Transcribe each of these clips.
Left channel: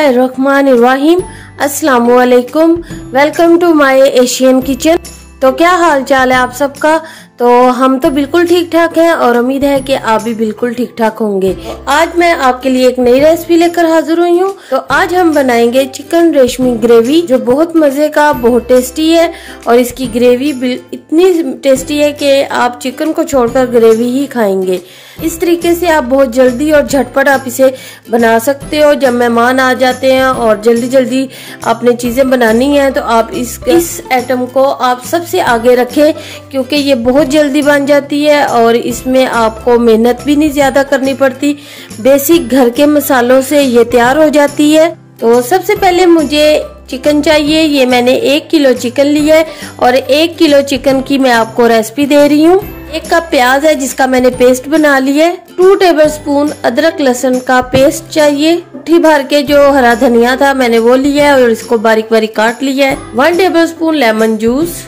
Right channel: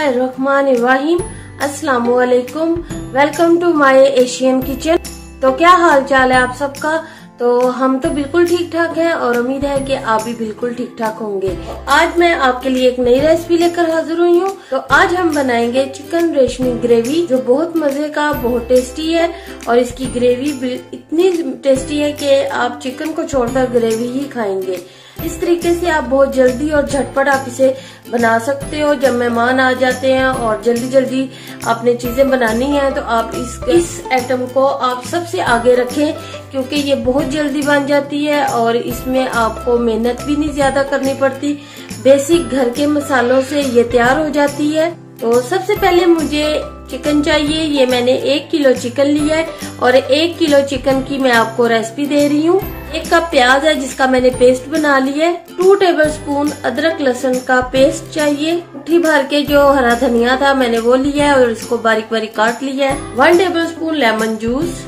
बिस्मिल्लाहिर्रहमानिर्रहीम। अस्सलामुअलैकुम। Welcome to my Asian kitchen. तो क्या हाल चाल है आप सबका। तो हम तो बिल्कुल ठीक ठाक हैं और उम्मीद है कि आप भी बिल्कुल ठीक ठाक होंगे। आज मैं आपके लिए एक नई रेसिपी लेकर हाजिर हुई हूँ। तो आज हम बनाएंगे चिकन रेशमी ग्रेवी, जो बहुत मजे का, बहुत टेस्टी है। और इसकी ग्रेवी इतनी टेस्टी है कि आप चिकन को छोड़कर ग्रेवी ही खाएंगे। इस तरीके से आप बहुत जल्दी और झटपट आप इसे बना सकते हो। जब मेहमान आ जाते हैं और जल्दी जल्दी आपने चीजें बनानी है तो आप इस आइटम को आप सबसे आगे रखें, क्योंकि ये बहुत जल्दी बन जाती है और इसमें आपको मेहनत भी नहीं ज्यादा करनी पड़ती। बेसिक घर के मसालों से ये तैयार हो जाती है। तो सबसे पहले मुझे चिकन चाहिए। ये मैंने 1 किलो चिकन लिया है और 1 किलो चिकन की मैं आपको रेसिपी दे रही हूँ। 1 कप प्याज है जिसका मैंने पेस्ट बना लिया है। 2 टेबलस्पून अदरक लहसुन का पेस्ट चाहिए। मुट्ठी भर के जो हरा धनिया था मैंने वो लिया है और इसको बारीक बारीक काट लिया है। 1 टेबलस्पून लेमन जूस।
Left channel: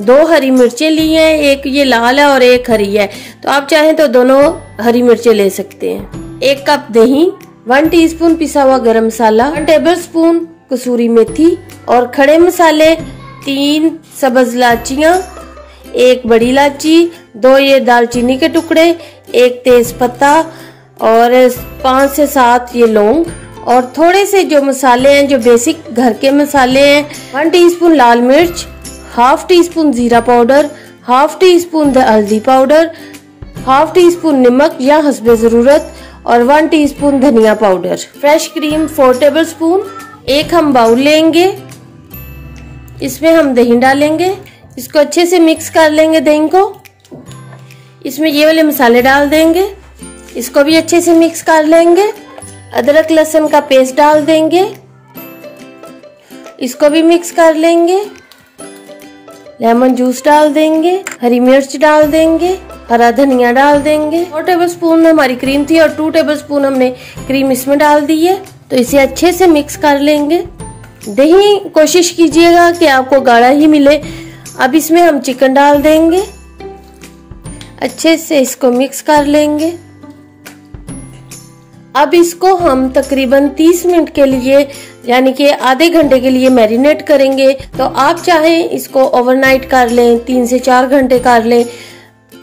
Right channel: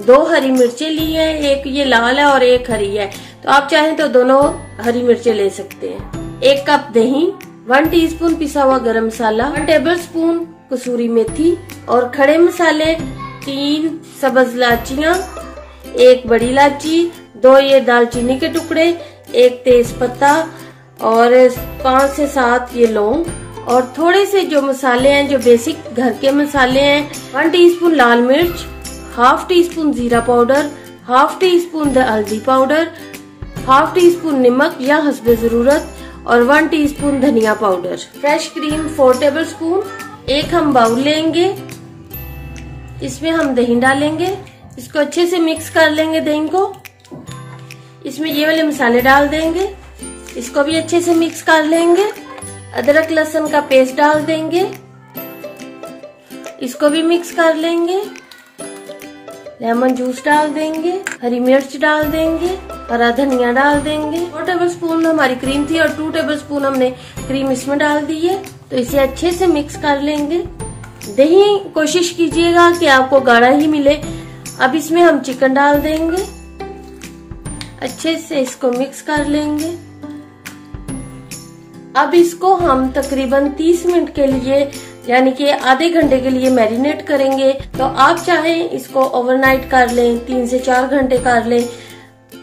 2 हरी मिर्चें ली है, एक ये लाल है और एक हरी है, तो आप चाहें तो दोनों हरी मिर्चें ले सकते हैं। 1 कप दही, 1 टीस्पून पिसा हुआ गरम मसाला, 1 टेबलस्पून कसूरी मेथी और खड़े मसाले 3 सब्ज इलायचियाँ, 1 बड़ी इलायची, 2 ये दालचीनी के टुकड़े, 1 तेज पत्ता और 5 से 7 ये लौंग और थोड़े से जो मसाले हैं, जो बेसिक घर के मसाले हैं। 1 टीस्पून लाल मिर्च, हाफ टी स्पून जीरा पाउडर, हाफ टी स्पून हल्दी पाउडर, हाफ टी स्पून नमक या हस्बे जरूरत और 1 टीस्पून धनिया पाउडर। Fresh cream 4 tablespoon. एक हम बाउल लेंगे, इसमें हम दही डालेंगे, इसको अच्छे से मिक्स कर लेंगे दही को। इसमें ये वाले मसाले डाल देंगे, इसको भी अच्छे से मिक्स कर लेंगे। अदरक लहसुन का पेस्ट डाल देंगे, इसको भी मिक्स कर लेंगे। लेमन जूस डाल देंगे, हरी मिर्च डाल देंगे, हरा धनिया डाल देंगे। 4 टेबलस्पून हमारी क्रीम थी और 2 टेबलस्पून हमने क्रीम इसमें डाल दी है। तो इसे अच्छे से मिक्स कर लेंगे। दही कोशिश कीजिएगा कि आपको गाढ़ा ही मिले। अब इसमें हम चिकन डाल देंगे, अच्छे से इसको मिक्स कर लेंगे। अब इसको हम तकरीबन 30 मिनट के लिए, यानी कि आधे घंटे के लिए मैरिनेट करेंगे। तो आप चाहें इसको ओवरनाइट कर लें, 3 से 4 घंटे कर लें,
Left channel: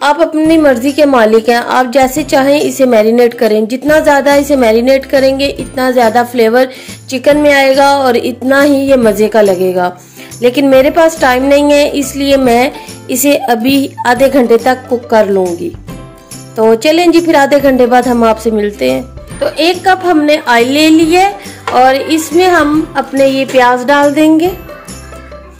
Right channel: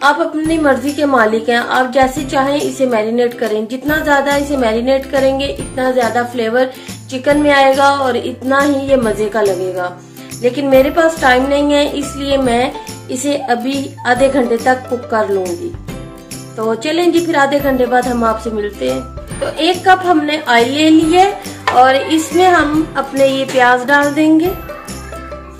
आप अपनी मर्जी के मालिक हैं। आप जैसे चाहें इसे मैरिनेट करें। जितना ज्यादा इसे मैरिनेट करेंगे इतना ज्यादा फ्लेवर चिकन में आएगा और इतना ही ये मजे का लगेगा। लेकिन मेरे पास टाइम नहीं है, इसलिए मैं इसे अभी आधे घंटे तक कुक कर लूंगी। तो चलें जी, फिर आधे घंटे बाद हम आपसे मिलते हैं। तो 1 कप हमने ऑयल ले लिया है और इसमें हम अपने ये प्याज डाल देंगे।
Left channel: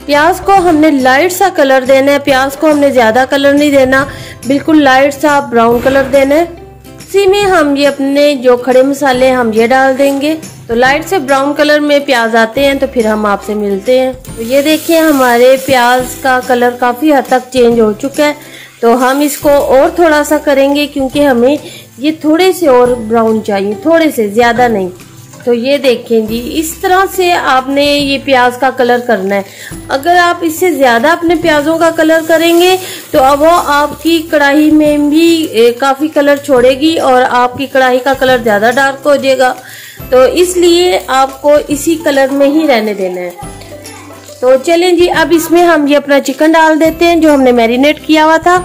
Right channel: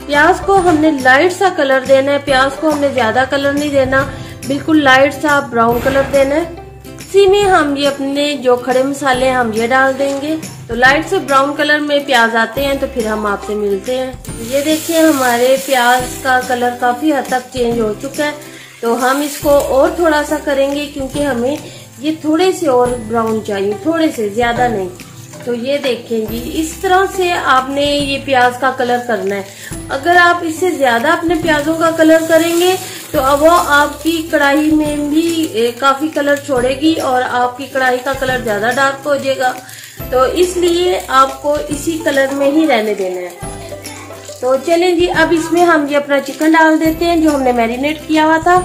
प्याज को हमने लाइट सा कलर देना है। प्याज को हमने ज्यादा कलर नहीं देना, बिल्कुल लाइट सा ब्राउन कलर देना है। इसी में हम ये अपने जो खड़े मसाले हैं हम ये डाल देंगे। तो लाइट से ब्राउन कलर में प्याज आते हैं तो फिर हम आपसे मिलते हैं। तो ये देखिए हमारे प्याज का कलर काफी हद तक चेंज हो चुका है। तो हम इसको और थोड़ा सा करेंगे, क्योंकि हमें ये थोड़े से और ब्राउन चाहिए, थोड़े से, ज्यादा नहीं। तो ये देखें जी, इस तरह से आपने ये प्याज का कलर करना है। अगर आप इससे ज्यादा अपने प्याजों का कलर करेंगे तो वो आपकी कढ़ाई में भी काफी कलर छोड़ेगी और आपकी कढ़ाई का कलर ज्यादा डार्क हो जाएगा। तो इसलिए आपको इसी कलर में ही रहने देना है। तो चलें जी, अब इसमें हम ये अपना चिकन डाल देते हैं जो हमने मैरिनेट किया हुआ था।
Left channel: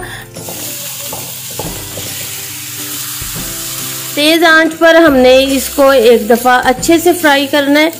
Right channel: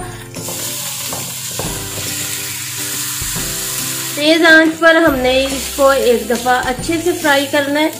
तेज आंच पर हमने इसको एक दफा अच्छे से फ्राई करना है।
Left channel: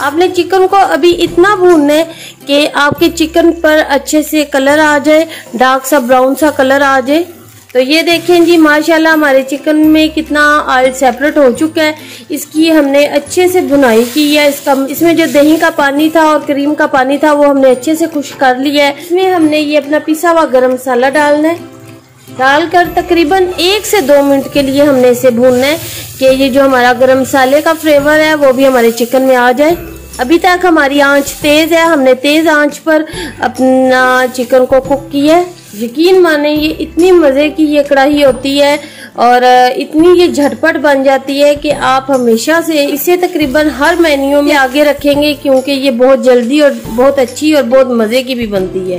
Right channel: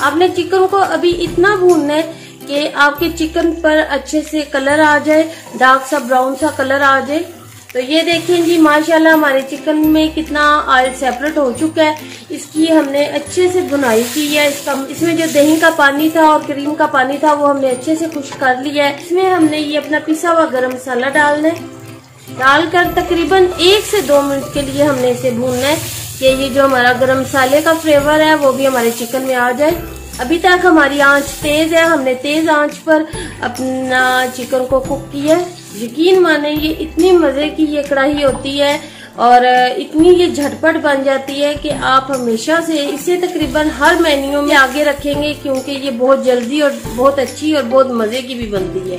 आपने चिकन को अभी इतना भूनना है कि आपके चिकन पर अच्छे से कलर आ जाए, डार्क सा ब्राउन सा कलर आ जाए। तो ये देखें जी, माशाल्लाह हमारे चिकन में कितना ऑयल सेपरेट हो चुका है। इसकी हमने अच्छे से भुनाई की है। इसमें जो दही का पानी था और क्रीम का पानी था वो हमने अच्छे से खुश्क कर लिया है। इसमें हमने ये अपना पिसा हुआ गरम मसाला डालना है। डालकर तकरीबन 1 से 2 मिनट के लिए हमने इसे भूनना है कि ये जो हमारा गरम मसाले का फ्लेवर है वो भी हमारे चिकन में आ जाए। अभी तक हमारी आंच तेज है, हमने तेज आंच पर अपना चिकन को कुक किया है। यकीन माने ये इतनी मजे की ये कढ़ाई होती है और इतनी ये झटपट बन जाती है कि आप हमेशा से इसे तकरीबन हर मेन्यू में आगे रखेंगे, क्योंकि ये बहुत जल्दी और बहुत अच्छी और बहुत मजे की भी बनती है।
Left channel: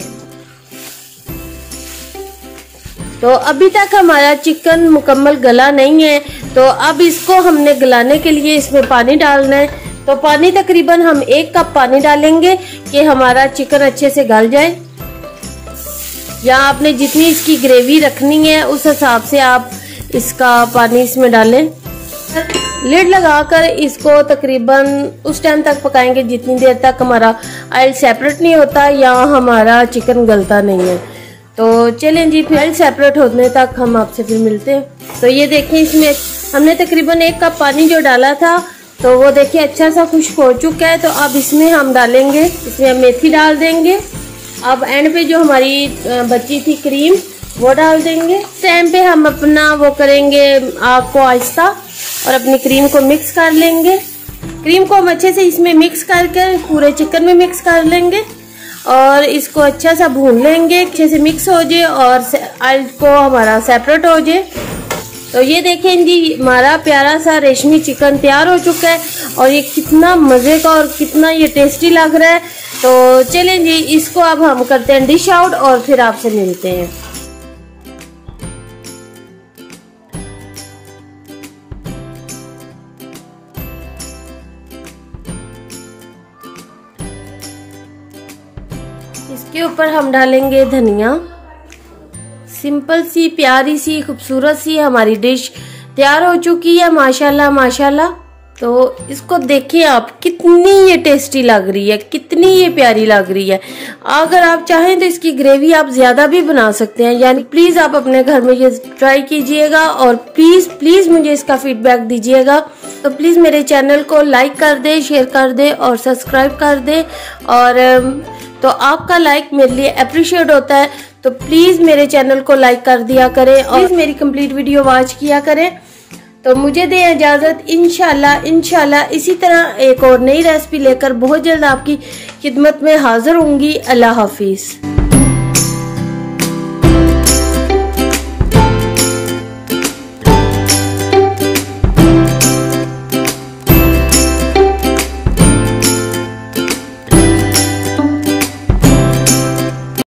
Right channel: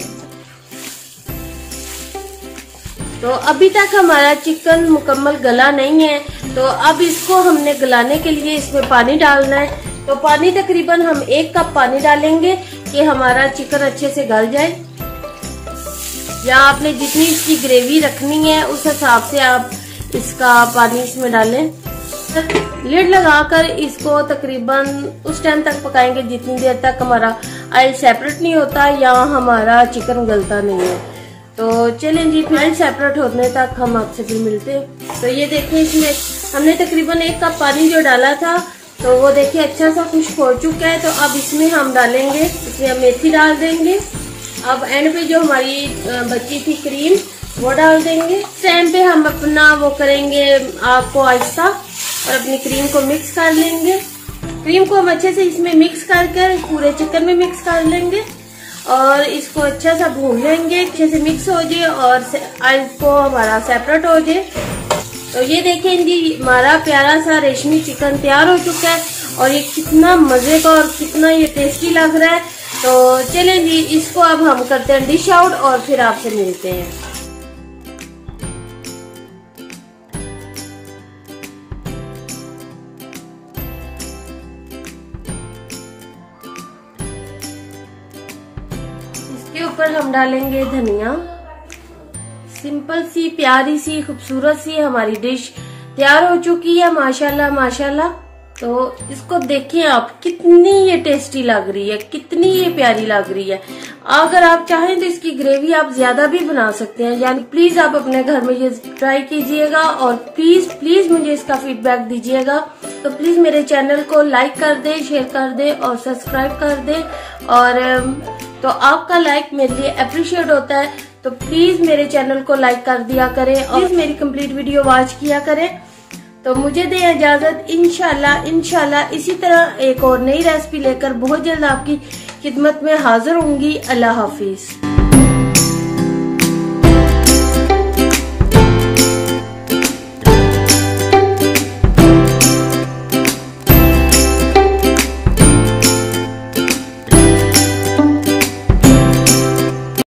तो अभी तक हमारा चिकन मुकम्मल गला नहीं है, तो अब इसको हमने गलाने के लिए इसमें पानी डालना है। तो पानी तकरीबन हम 1 कप पानी डालेंगे कि हमारा चिकन अच्छे से गल जाए। या आपने जितनी इसकी ग्रेवी रखनी है उस हिसाब से आप इसका पानी इसमें डालें। लिड लगाकर इसको तकरीबन उस टाइम तक पकाएंगे जितनी देर तक हमारा ऑयल सेपरेट नहीं होता या हमारा चिकन गलता नहीं है। तो चलें जी, फिर ऑयल सेपरेट होने तक हम आपसे फिर मिलते हैं। तो ये देखिए, इसमें हमने तकरीबन 1 कप पानी जो डाला था तो वो देखिए अच्छा सा खुश्क हो चुका है। तो अब इसमें हम डालेंगे, इसमें हम मेथी डाल देंगे। अब एंड पे जो हमारी बची थी क्रीम वो डाल देंगे। इस टाइम पे हम अपना वो करेंगे आग को आहिस्ता और अपनी क्रीम को मिक्स कर लेंगे। क्रीम को हम अच्छे से इसमें मिक्स करके पूरे चिकन में मिक्स कर लेंगे और इसको अच्छा सा भून लेंगे, अच्छे से मिक्स हो जाए और ऑयल को हमारा सेपरेट हो जाए। तो ये देखें जी, हमारा प्यारा सा रेशमी चिकन तैयार हो चुका है और ये कितना मजे का और कितना ये टेस्टी लग रहा है। तो चलें जी, इसको अब हम करते हैं डिश आउट और फिर आपसे मिलते हैं। इसके ऊपर हम डालेंगे धनिया। सिंपल सी प्यारी सी खूबसूरत सी हमारी डिश तैयार हो चुकी है, माशाल्लाह माशाल्लाह। तो इसको देखिए आप, कितनी ये टेस्टी लग रही है, कितनी ये प्यारी लग रही है। अगर आप चाहें तो इसकी ग्रेवी आप ज्यादा भी बना सकते हैं। यानी प्लीज आप अपने घर में ये ट्राई कीजिएगा और प्लीज प्लीज मुझे इसका फीडबैक दीजिएगा। तो प्लीज मेरे चैनल को लाइक कर दे, शेयर कर दे और सब्सक्राइब कर दे। और तो आपका लाइक मेरे लिए अप्रिशिएट होता है, तो प्लीज मेरे चैनल को लाइक कर दिया करें और प्लीज मेरी कंप्लीट वीडियो वॉच किया करें। तो मुझे दें इजाजत, इंशाल्लाह इसी तरह एक और नई रेसिपी लेकर बहुत जल्द आपकी खिदमत में हाजिर होंगी। अल्लाह हाफिज।